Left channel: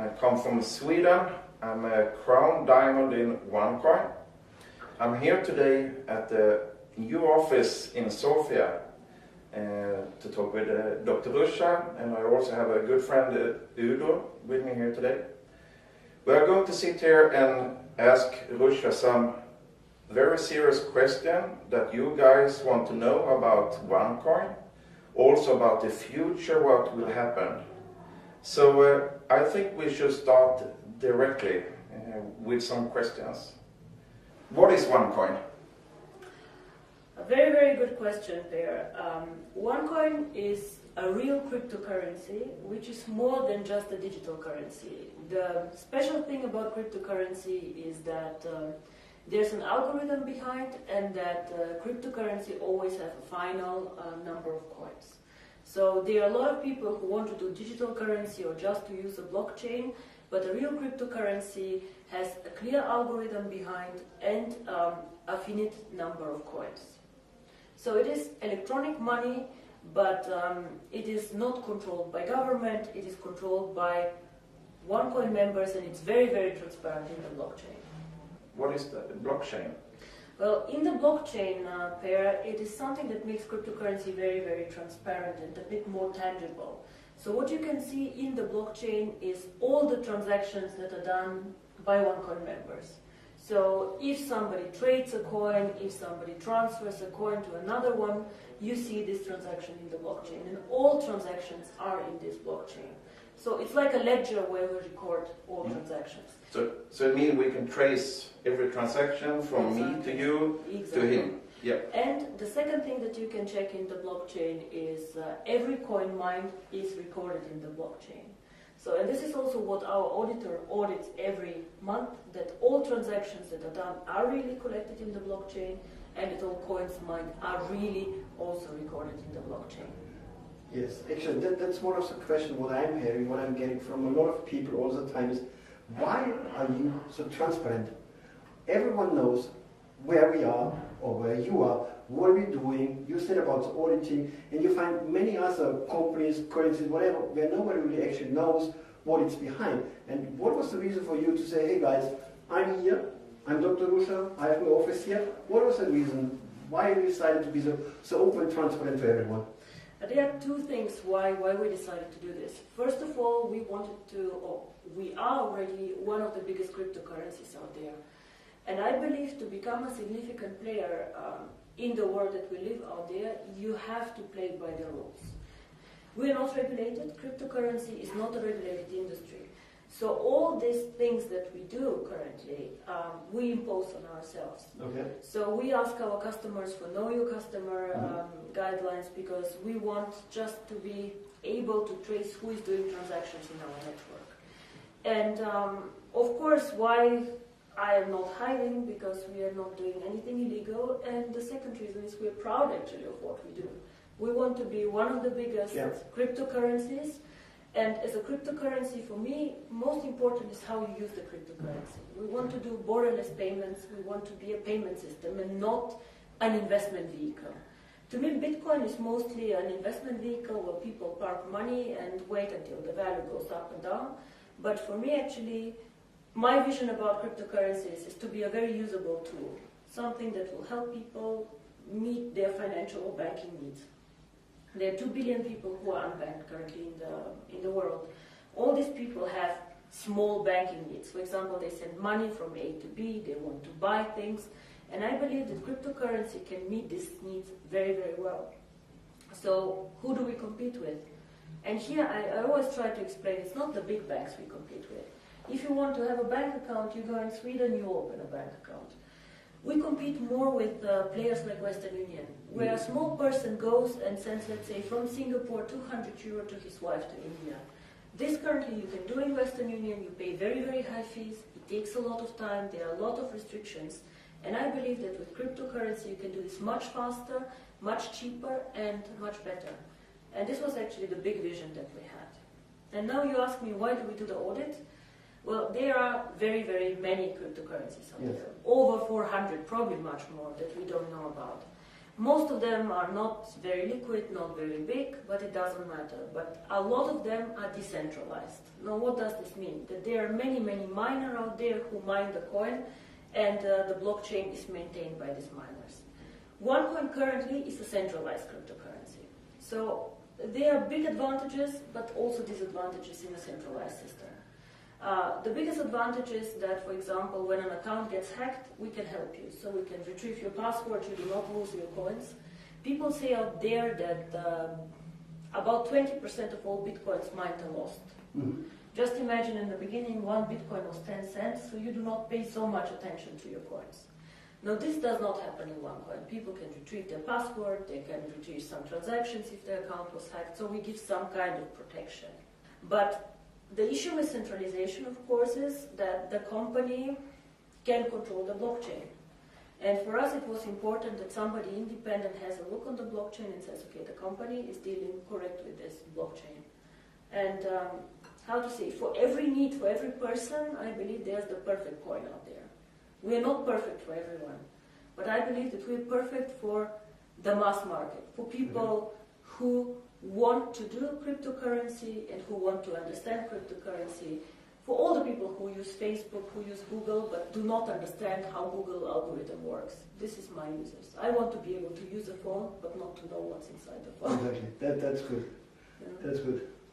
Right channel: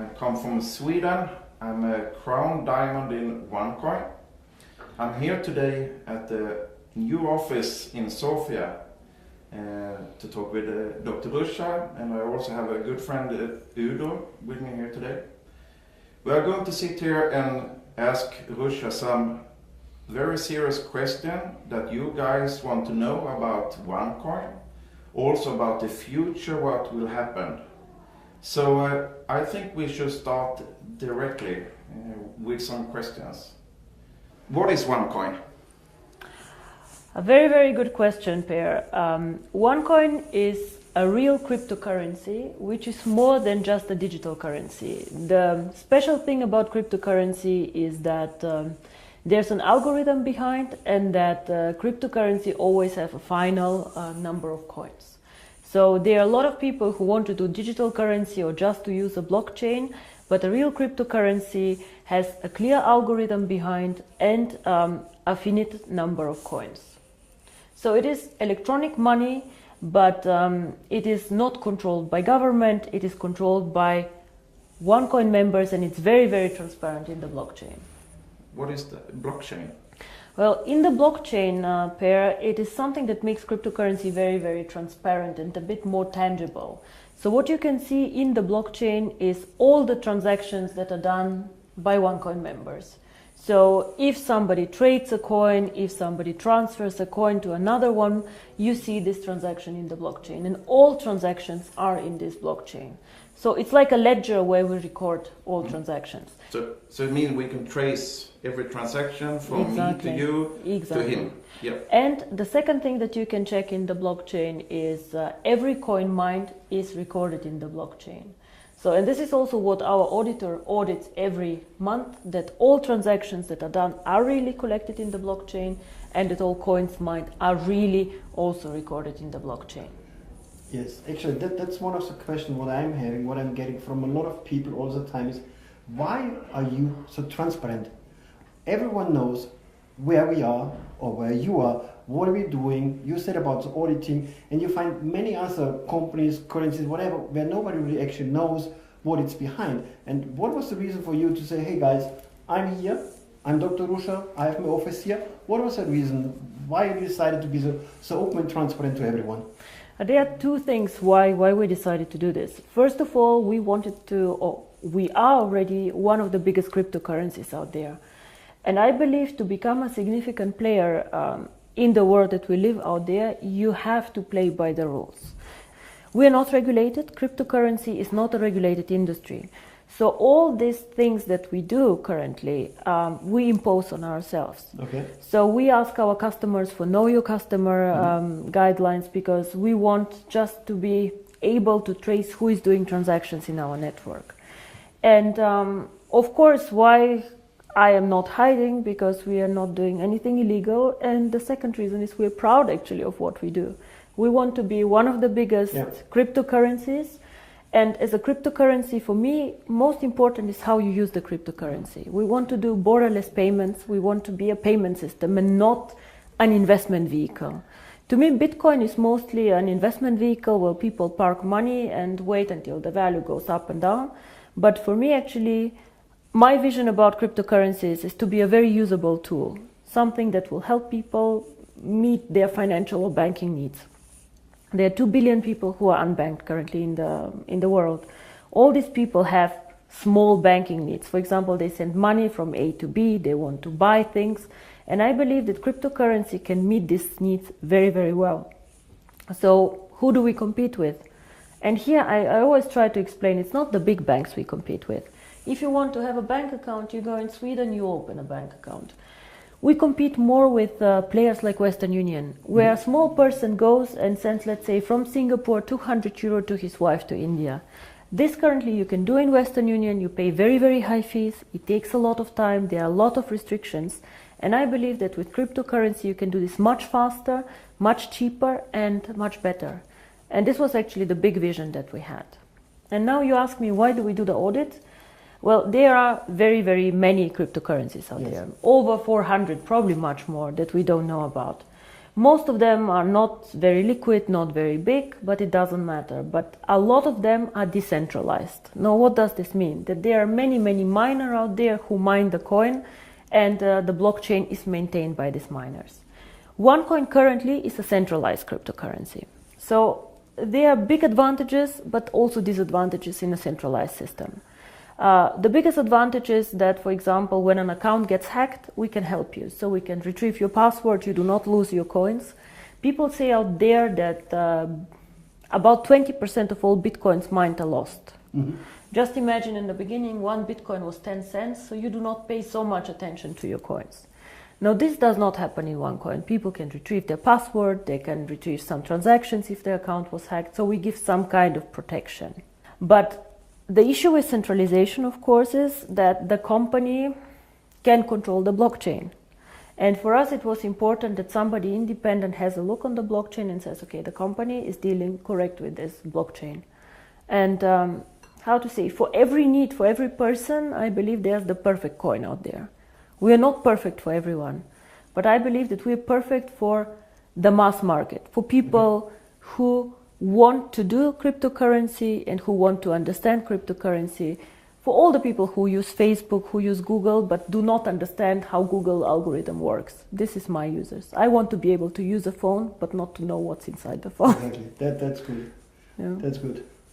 I come from Sweden. I'm a crown diamond in OneCoin. I'm here today at the new office in Sofia to talk with Dr. Ruja, and I also have a good friend Udo with me here today. We are going to sit here and ask Ruja some very serious questions that you guys want to know about OneCoin, also about the future, what will happen. So I think we should start directly with some questions. What is OneCoin? A very, very good question, Per. OneCoin is a real cryptocurrency, which is more than just a digital currency. The special thing about cryptocurrency is that there's an algorithm behind, and that cryptocurrency always have a final number of coins. So there are a lot of people who want to do digital currency or just to use a blockchain, but a real cryptocurrency has a clear algorithm behind and a finite number of coins. So it is electronic money, but it is not controlled by government, it is controlled by OneCoin members, and it's very, very transparent in the blockchain. What is the blockchain? Well, in the blockchain, Per, it is something that makes cryptocurrency very, very transparent and a bit more tangible. So what you can see in the blockchain is all the transactions that are done by OneCoin members. So if somebody trades a coin, if somebody transfers a coin to another one, you see this transaction in the blockchain, and all transactions are in this blockchain. So it's like a ledger where we record all transactions. So it means we can trace every transaction from me to you to him. Yeah. And the second thing that you can check in the blockchain is every coin mined is recorded in the blockchain. So, and this is also what our auditor audits every month, that all transactions that are done are really collected in the blockchain, and that all coins mined are really also recorded in the blockchain. Yes, actually that's one of the questions what I'm having, what I'm getting from a lot of people all the time is, why are you so transparent? Everyone knows where we are or where you are, what are we doing. You said about the auditing, and you find many other companies, currencies, whatever, where nobody really actually knows what it's behind. And what was the reason for you to say, hey guys, I'm here, I'm Dr. Ruja, I have my office here. What was the reason? Why you decided to be so open and transparent to everyone? There are two things why we decided to do this. First of all, we are already one of the biggest cryptocurrencies out there. And I believe to become a significant player in the world that we live out there, you have to play by the rules. We are not regulated. Cryptocurrency is not a regulated industry. So all these things that we do currently, we impose on ourselves. Okay. So we ask our customers for know your customer guidelines, because we want just to be able to trace who is doing transactions in our network. And of course, why I am not hiding, because we are not doing anything illegal. And the second reason is we're proud actually of what we do. We want to be one of the biggest cryptocurrencies. And as a cryptocurrency, for me, most important is how you use the cryptocurrency. We want to do borderless payments. We want to be a payment system and not an investment vehicle. To me, Bitcoin is mostly an investment vehicle where people park money and wait until the value goes up and down. But for me, actually, my vision about cryptocurrencies is to be a very usable tool, something that will help people meet their financial or banking needs. There are 2 billion people who are unbanked currently in the world. All these people have small banking needs. For example, they send money from A to B, they want to buy things. And I believe that cryptocurrency can meet these needs very, very well. So who do we compete with? And here I always try to explain, it's not the big banks we compete with. If you want to have a bank account, you go in Sweden, you open a bank account. We compete more with players like Western Union, where a small person goes and sends, let's say, from Singapore 200 euro to his wife to India. This currently you can do in Western Union. You pay very, very high fees. It takes a lot of time. There are a lot of restrictions. And I believe that with cryptocurrency you can do this much faster, much cheaper, and much better. And this was actually the big vision that we had. And now you ask me, why do we do the audit? Well, there are very, very many cryptocurrencies out there. Over 400, probably much more, that we don't know about. Most of them are not very liquid, not very big, but it doesn't matter. But a lot of them are decentralized. Now, what does this mean? That there are many, many miners out there who mine the coin, and the blockchain is maintained by these miners. OneCoin currently is a centralized cryptocurrency. So there are big advantages, but also disadvantages in a centralized system. The biggest advantage is that, for example, when an account gets hacked, we can help you. So we can retrieve your password, you do not lose your coins. People say out there that about 20% of all bitcoins mined are lost. Mm-hmm. Just imagine in the beginning, 1 bitcoin was 10 cents, so you do not pay so much attention to your coins. Now, this does not happen in OneCoin. People can retrieve their password, they can retrieve some transactions if their account was hacked, so we give some kind of protection. But the issue with centralization, of course, is that the company can control the blockchain. And for us, it was important that somebody independent has a look on the blockchain and says, okay, the company is dealing correct with this blockchain. And how to say, for every need, for every person, I believe there's the perfect coin out there. We are not perfect for everyone, but I believe that we are perfect for the mass market, for people who want to do cryptocurrency and who want to understand cryptocurrency, for all the people who use Facebook, who use Google, but do not understand how Google algorithm works. This is my users. I want to be able to use a phone, but not to know what's inside the phone. Exactly. That's good. Yeah. That's good.